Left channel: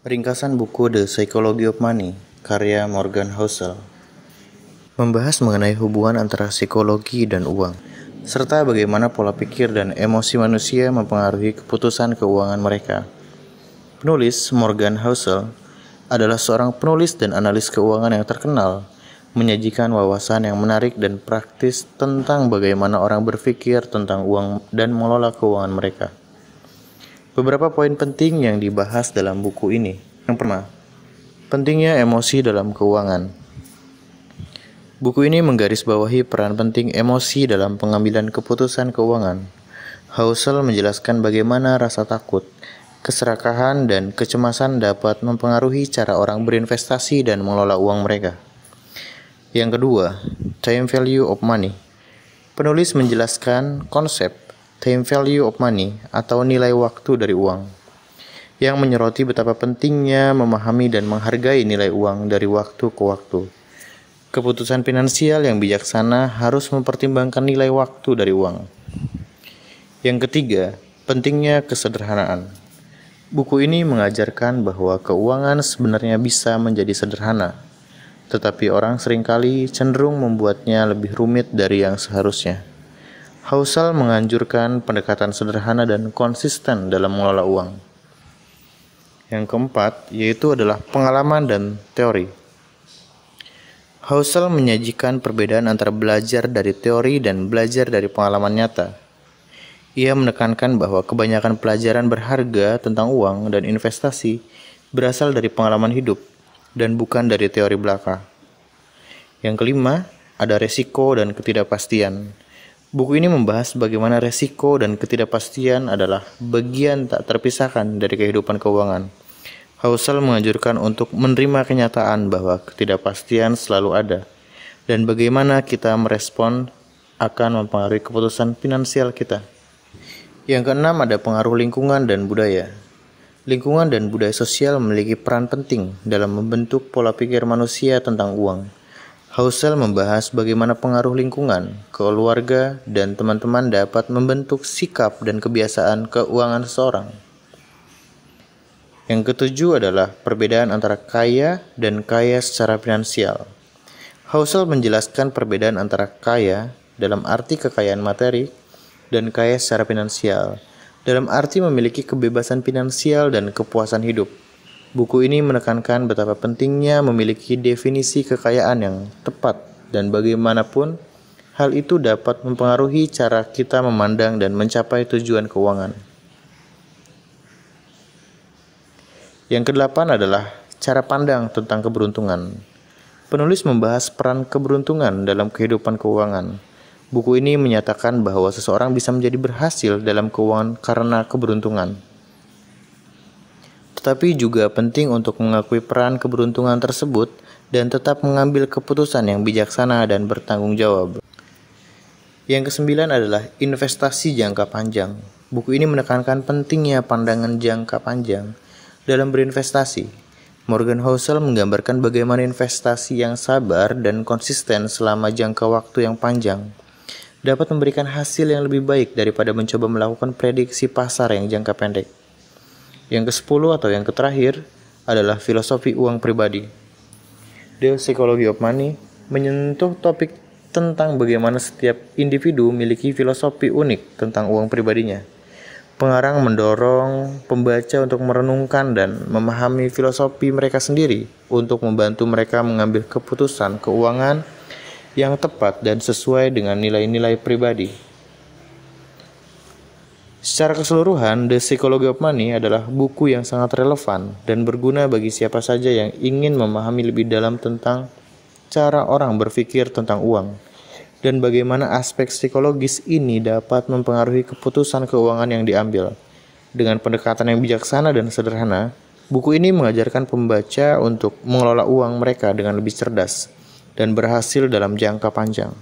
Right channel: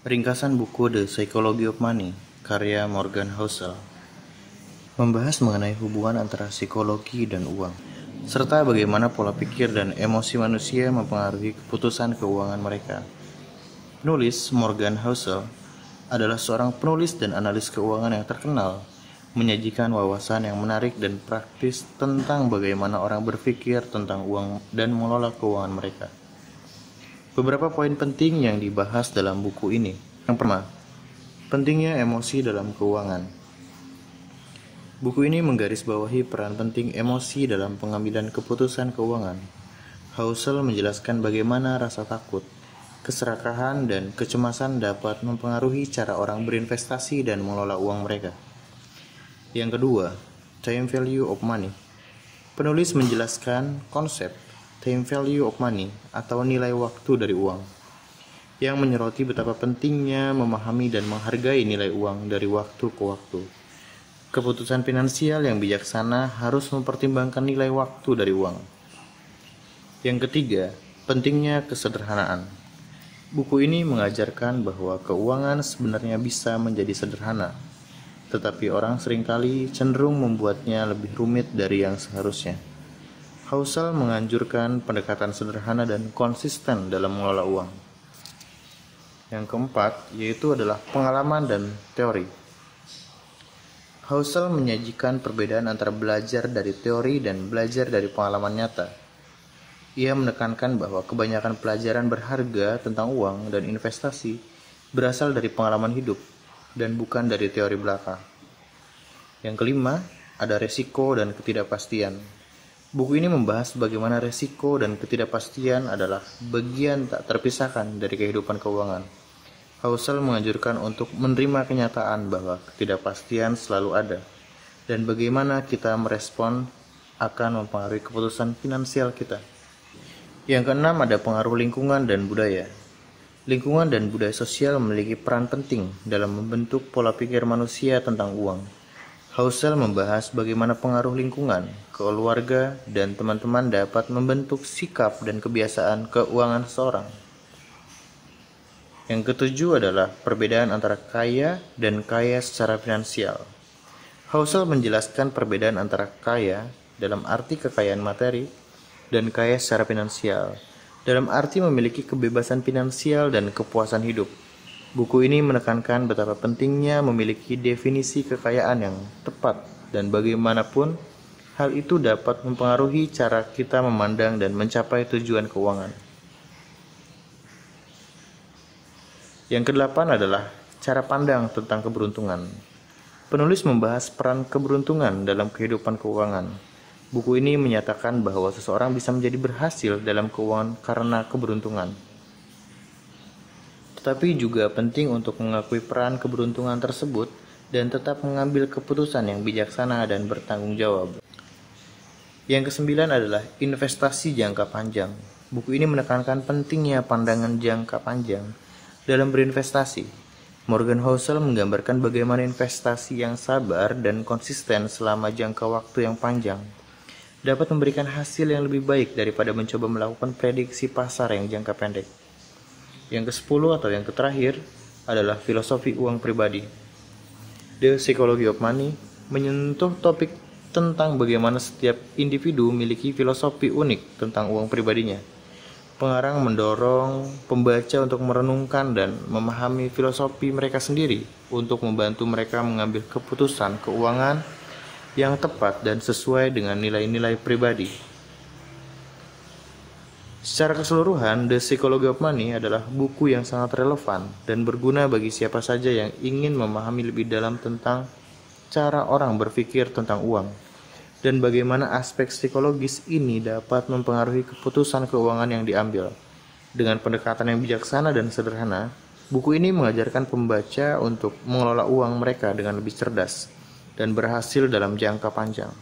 Ringkasan buku The Psychology of Money, karya Morgan Housel, membahas mengenai hubungan antara psikologi dan uang, serta bagaimana pola pikir dan emosi manusia mempengaruhi keputusan keuangan mereka. Penulis Morgan Housel adalah seorang penulis dan analis keuangan yang terkenal, menyajikan wawasan yang menarik dan praktis tentang bagaimana orang berpikir tentang uang dan mengelola keuangan mereka. Beberapa poin penting yang dibahas dalam buku ini. Yang pertama, pentingnya emosi dalam keuangan. Buku ini menggarisbawahi peran penting emosi dalam pengambilan keputusan keuangan. Housel menjelaskan bagaimana rasa takut, keserakahan, dan kecemasan dapat mempengaruhi cara orang berinvestasi dan mengelola uang mereka. Yang kedua, time value of money. Penulis menjelaskan konsep time value of money atau nilai waktu dari uang, yang menyoroti betapa pentingnya memahami dan menghargai nilai uang dari waktu ke waktu. Keputusan finansial yang bijaksana harus mempertimbangkan nilai waktu dari uang. Yang ketiga, pentingnya kesederhanaan. Buku ini mengajarkan bahwa keuangan sebenarnya bisa menjadi sederhana, tetapi orang seringkali cenderung membuatnya lebih rumit dari yang seharusnya. Housel menganjurkan pendekatan sederhana dan konsisten dalam mengelola uang. Yang keempat, yaitu adalah pengalaman dan teori. Housel menyajikan perbedaan antara belajar dari teori dan belajar dari pengalaman nyata. Ia menekankan bahwa kebanyakan pelajaran berharga tentang uang dan investasi berasal dari pengalaman hidup dan bukan dari teori belaka. Yang kelima, ada resiko dan ketidakpastian. Buku ini membahas bagaimana resiko dan ketidakpastian adalah bagian tak terpisahkan dari kehidupan keuangan. Housel menganjurkan untuk menerima kenyataan bahwa ketidakpastian selalu ada, dan bagaimana kita merespon akan mempengaruhi keputusan finansial kita. Yang keenam, ada pengaruh lingkungan dan budaya. Lingkungan dan budaya sosial memiliki peran penting dalam membentuk pola pikir manusia tentang uang. Housel membahas bagaimana pengaruh lingkungan, keluarga, dan teman-teman dapat membentuk sikap dan kebiasaan keuangan seseorang. Yang ketujuh adalah perbedaan antara kaya dan kaya secara finansial. Housel menjelaskan perbedaan antara kaya dalam arti kekayaan materi dan kaya secara finansial, dalam arti memiliki kebebasan finansial dan kepuasan hidup. Buku ini menekankan betapa pentingnya memiliki definisi kekayaan yang tepat dan bagaimanapun hal itu dapat mempengaruhi cara kita memandang dan mencapai tujuan keuangan. Yang kedelapan adalah cara pandang tentang keberuntungan. Penulis membahas peran keberuntungan dalam kehidupan keuangan. Buku ini menyatakan bahwa seseorang bisa menjadi berhasil dalam keuangan karena keberuntungan. Tetapi juga penting untuk mengakui peran keberuntungan tersebut dan tetap mengambil keputusan yang bijaksana dan bertanggung jawab. Yang kesembilan adalah investasi jangka panjang. Buku ini menekankan pentingnya pandangan jangka panjang dalam berinvestasi. Morgan Housel menggambarkan bagaimana investasi yang sabar dan konsisten selama jangka waktu yang panjang dapat memberikan hasil yang lebih baik daripada mencoba melakukan prediksi pasar yang jangka pendek. Yang ke-10 atau yang terakhir adalah filosofi uang pribadi. The Psychology of Money menyentuh topik tentang bagaimana setiap individu memiliki filosofi unik tentang uang pribadinya. Pengarang mendorong pembaca untuk merenungkan dan memahami filosofi mereka sendiri untuk membantu mereka mengambil keputusan keuangan yang tepat dan sesuai dengan nilai-nilai pribadi. Secara keseluruhan, The Psychology of Money adalah buku yang sangat relevan dan berguna bagi siapa saja yang ingin memahami lebih dalam tentang cara orang berpikir tentang uang dan bagaimana aspek psikologis ini dapat mempengaruhi keputusan keuangan yang diambil. Dengan pendekatan yang bijaksana dan sederhana, buku ini mengajarkan pembaca untuk mengelola uang mereka dengan lebih cerdas dan berhasil dalam jangka panjang.